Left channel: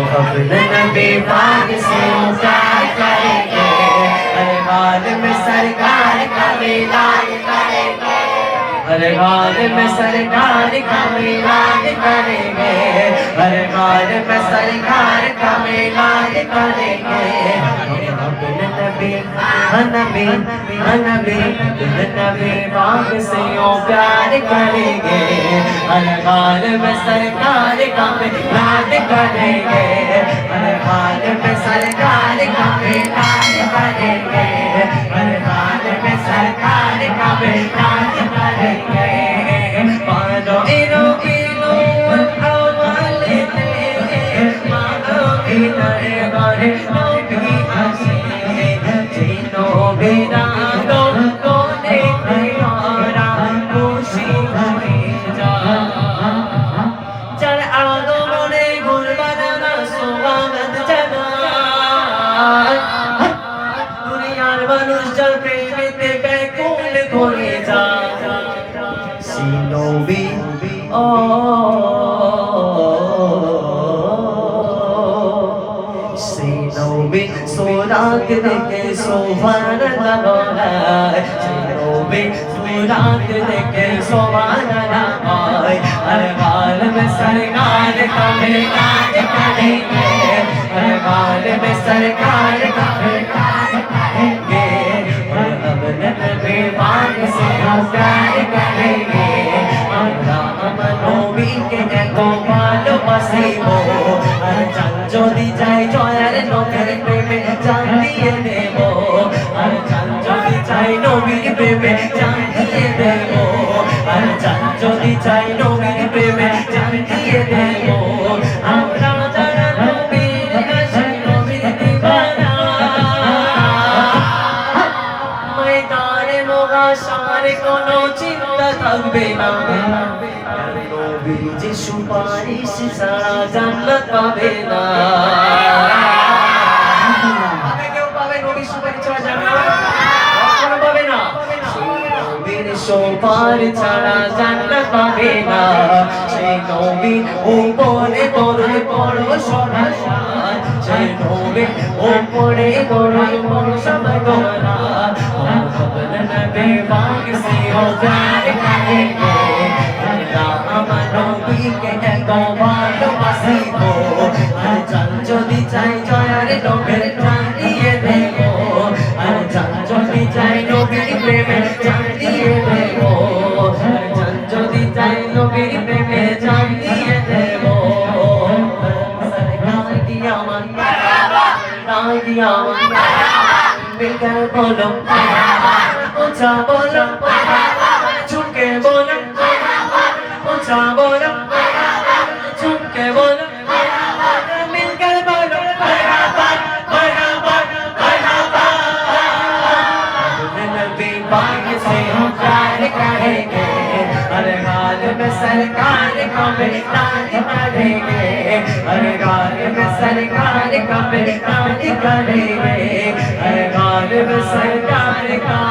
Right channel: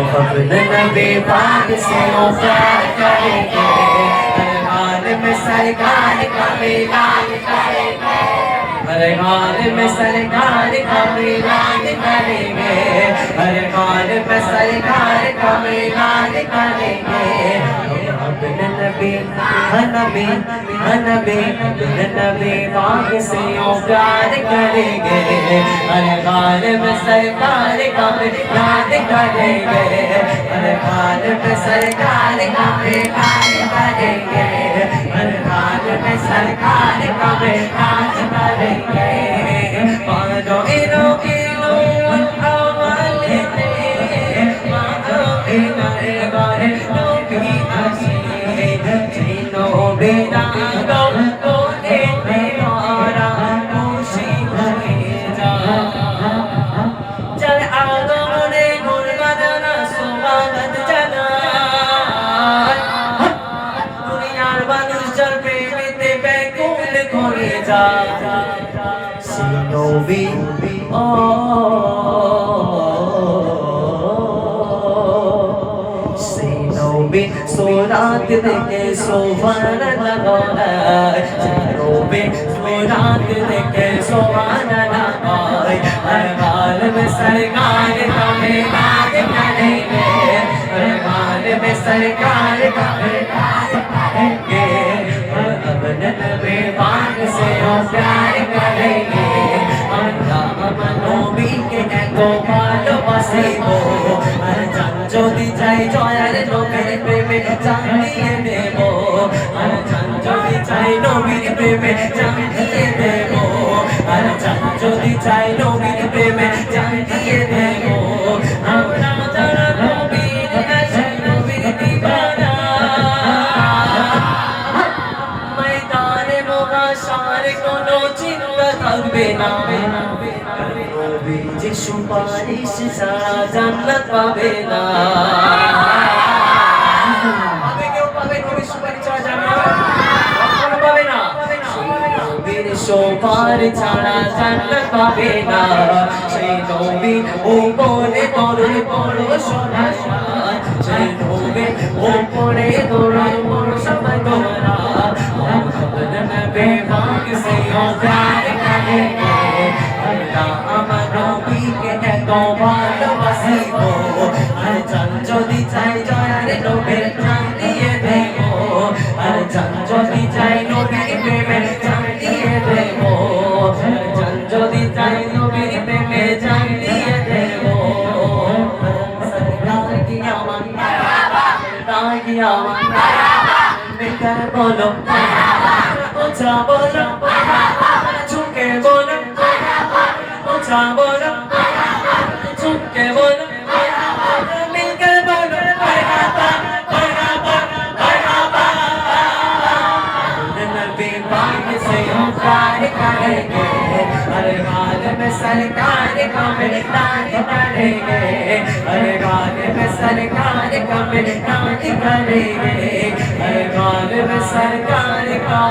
अपने नबी पाक से प्यार करेंगे, हर हाल में सरकार का मिलान करेंगे, हर हाल में सरकार का मिलान करेंगे, हर हाल में सरकार का मिलान करेंगे। अपने नबी नबी नबी नबी पाक से प्यार करेंगे, हर हाल में सरकार का मिलान करेंगे, हर हाल में सरकार का मिलान करेंगे, हर हाल में सरकार का मिलान करेंगे। मानो इनो इनो अवले मानो इनाए बारे नबी हसी जिनो बिना दो कोने तेरा खुशी होए जा चल आओ मोरे गुरबाना सुवागत जना दुनियार মানুষ চল প্রেমেতে ব্যাকুল করে যা সিনোবি ও সিনোবি সোরাত দেখে সোভান লাগায় সিনোবি सोरात देखे सोवाना लगाए हर हाल में सरकार का मिलान करेंगे हर हाल में सरकार का मिलान करेंगे अपने नबी पाक से प्यार करेंगे राम नबी के को ভালোবাসিবো আর জান যদি যাই জয়ার নবীর প্রেমে জান দিয়ে দেব আর জান যদি চাই নবীর প্রেমে জান দিয়ে দেব আর জান যদি চাই নবীর প্রেমে জান দিয়ে দেব আমরা যারা নবীর কাছে নবীর দিবানা ময়দানে মুহাশার কোনো চিন্তা থাকবে না নবী যে সুপারিশ ছাড়া জান্নাত পাবে না পাবে কেউ পাবে নবীর সুপারিশ ছাড়া জান্নাত কখনো পাবে না নবীর সুপারিশ ছাড়া জান্নাত পাবে না সেই নবী উপরে তোর বড় সোনার সেই নবী উপরে তোর বড় সমতলা अपने नबी पाक से प्यार करेंगे राम नबी के तो ভালোবাসিবো আর জান যদি চাই জয়ার নবীর জান দিয়ে দেব আর জান যদি চাই নবীর প্রেমে জান দিয়ে দেব আর জান যদি চাই নবীর প্রেমে জান দিয়ে দেব সরকার কি আমার তাই কি আমার বেকার বলো ऊंचा बोलो झुके बोलो ऊंचा बोलो झुके बोलो मिलकर बोलो नबी पाक से प्यार करेंगे हर हाल में सरकार का मिलान करेंगे हर हाल में सरकार का मिलान करेंगे हर हाल में सरकार का